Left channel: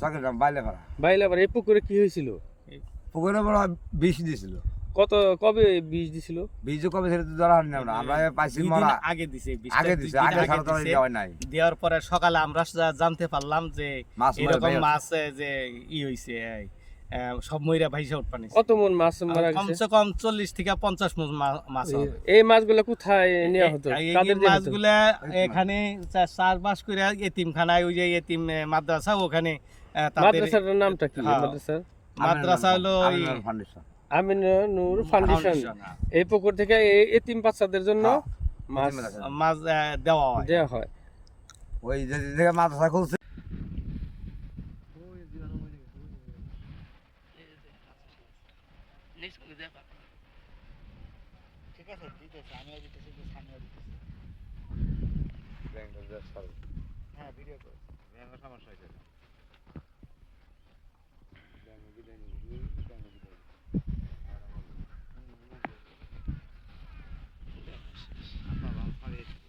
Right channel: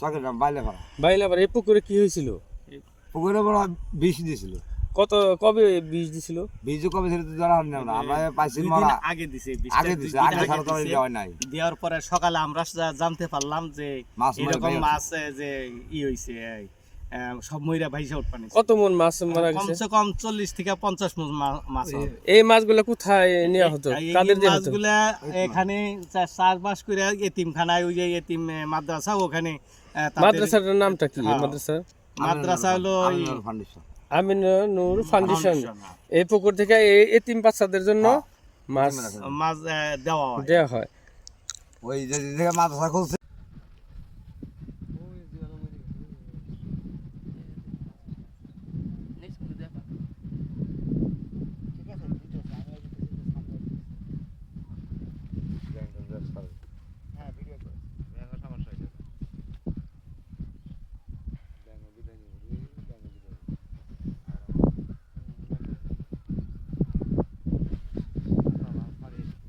চকের বাইলে বাইলে এই পুকুরে কি হয়েছিল? পুকুরে বড় বিষ দিছিল। কত কবে বীজ দিছিল? বীজ কবে ছেড়ে তো ধরা হয়নি আমরা। আমরা পাইছি দিন মরা আগে দিছে আগে দিছে আগে ছাড়া তো দেওয়া নাই। দেওয়ার পরে সকালে আমরা জানতে পারলাম যে এরকম মাছ যে ই হইছে সব ময়রা ভাইসা উঠপানি কত মন মাছ মারা গেছে? কমসে কম চল্লিশ থেকে পঞ্চাশ মন মা- মাছ হবে। এই মাছগুলো কোথায় নেওয়া হতো? কাদের দেয়া মাছগুলা এখানে চা- চার মাস করে এতিমখানায় ওই যে এতিম মাদ্রাসা ওখানে মাদ্রাসাটার নামটা কি? হ্যাঁ। মাদ্রাসা? মাদ্রাসা হলো ফাউন্ডেশন আমিন নূর ফাউন্ডেশন। এই পুকুর থেকে এই এতিম বাচ্চাদের জন্য হ্যাঁ। মাছ মাছ দেওয়া হয়। দেওয়া হয়। ওই যে যে থেকে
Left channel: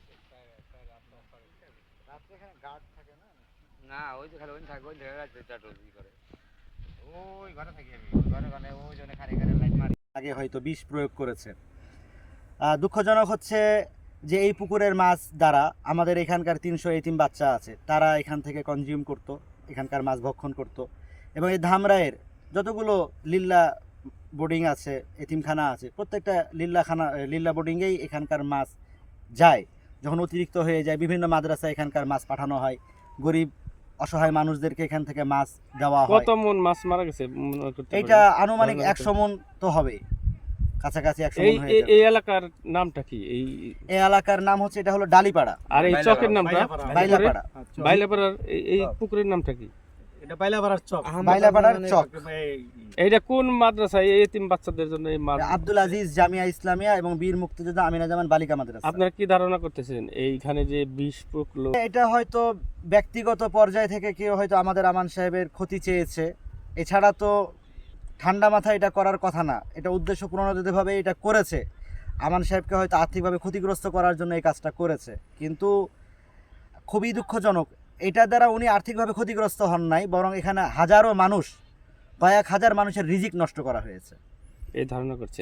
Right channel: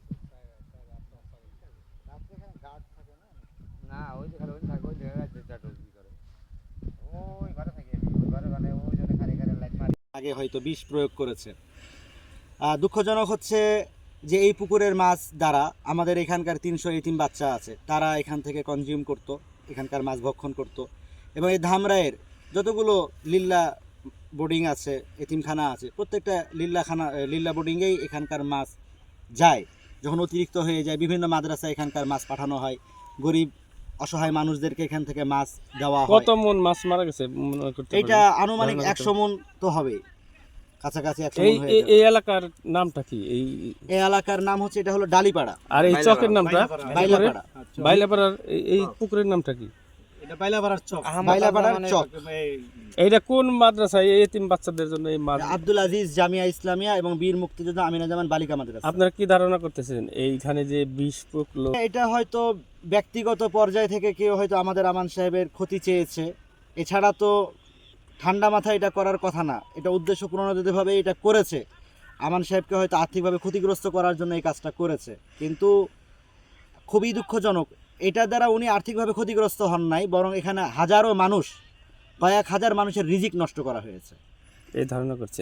মাদ্রাসা খুলছে না ওই যে খালি ওই থাকে ওই জায়গায় করে? ওই ঘরে থাকি আমি ঘরে ঘরে ওই জন্য খালি খালি লাইট মারি আগে হয়তো বিষ প্রয়োগ করেছে। দুঃখজনক হচ্ছে যে এই পুকুরের মাছ দ্বারা আমাদের এখানকার তিনশো এতিম বাচ্চা আছে। তারা এখান থেকে কনজিউম করত এখানকার মাছ ভক্ষণ করত। এবং এই ধামরায়ের যতগুলো লিল্লা বোর্ডিং আছে এতিমখানা আছে প্রত্যেকটা লিল্লাখানা লিল্লা বোর্ডিংয়েই এখানকার মাছ যায়। যখন অতিরিক্ত হয়ে যায় বিভিন্ন মাদ্রাসায় এখানকার মাছ পাঠানো হয়। গরিব অসহায় মানুষদেরকে এখান থেকে মাছ দেওয়া হয়। কত মন মাছ মারা গেছে? এটা আনুমানিক একশো মন তো হবে কাছাকাছি একশো এই হয়ে এই- এলাকার নামটা কি? এই এই এলাকার নাম হচ্ছে এটা হলো ডালিপাড়া। আর এই চকের নামটা? বাইলাপাড়া। বাইলাপাড়ার এই- পুকুরের নামটা কি? এটা বাইলাপাড়ার চক। বাইলাপাড়ার চক। এই- এইটা কোন মাদ্রাসায়? এই এতিম বাচ্চাদের জন্য এই আব্দুল আজিজ জামিয়া ইসলামিয়া এবং বীর মুক্তিযোদ্ধা আমিনা জামান বালিকা মাদ্রাসা। আপনারা কি ধারণা করতেছেন? এইখানে যে বিষ পুকলো এটা হয়তো ব্যক্তিগত পর্যায় থেকে কেউ হয়তো আমাদের আমান সাহেবের ক্ষতি চেয়েছে। এছাড়া তো ঠান্ডা মাথায় এটা করার কথা না। এটা উদ্দেশ্য প্রণোদিতভাবে এটা করেছে। আমান সাহেবকে হয়তো আর্থিকভাবে ক্ষতিগ্রস্ত করার জন্য এই কাজটা করেছে। কিন্তু খুবই দুঃখজনক, এটা দ্বারা উনি আর্থিকভাবে ক্ষতিগ্রস্ত হন নাই, বরং এখানে হাজারো মানুষ, কয়েক হাজার মানুষের রিজিক নষ্ট করা হয়েছে। এই ধারণা করছে।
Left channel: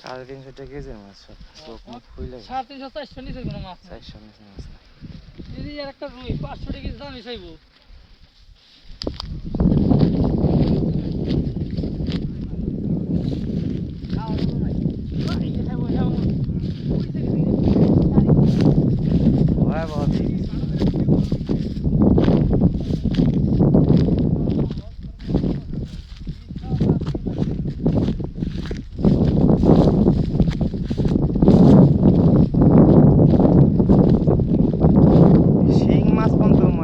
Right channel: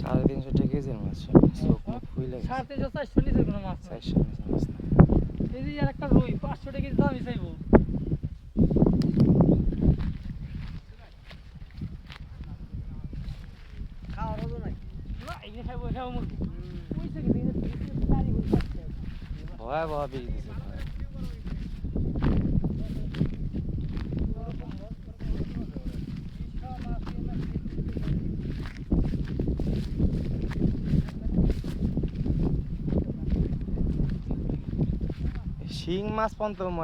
সাড়ে তিনশো টাকা কেজির মাছ চোখ মুখ খুইলে সাড়ে তিনশো চারশো নিচে কোনো মাছ চারশো নিচে মাছ নাই। এদিকে আর একটা রুই পাঁচশো টাকা কেজি দামই চাইব। ভয়াবহ দিন। শিং মাছ পর্যন্ত মারে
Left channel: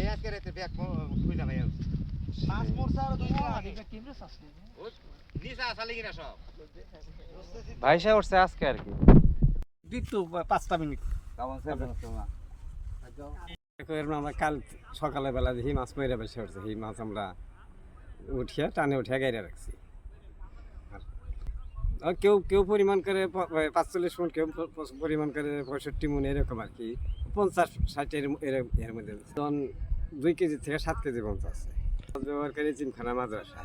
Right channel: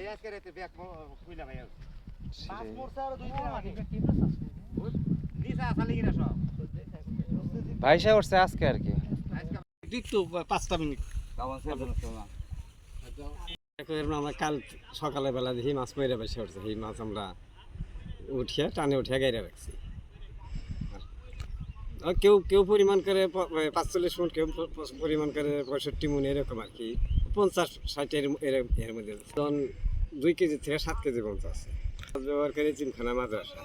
এই মাছ মরছে আর দুই দিন উঠছে আজকে আর কি। পাঁচটা মিনিট। আমরা কাল সকালে বেলা দেখি মাছ মেরে বেসে উঠছে সেই মাছ আমরা উঠিয়ে টানে উঠিয়ে গাইরা রাখছি। আর কেউ কেউ পরিমাণ করে পাঁচচল্লিশ মন কেউ পরিমাণ করে পঁয়ষট্টি মন এরকম আর কি। পঞ্চাশ ষাটের এর এর মধ্যে। তখন দুই কেজি থেকে সাত কেজি পর্যন্ত আছে। জোয়ারকারী চিমখানা মাদ্রাসা।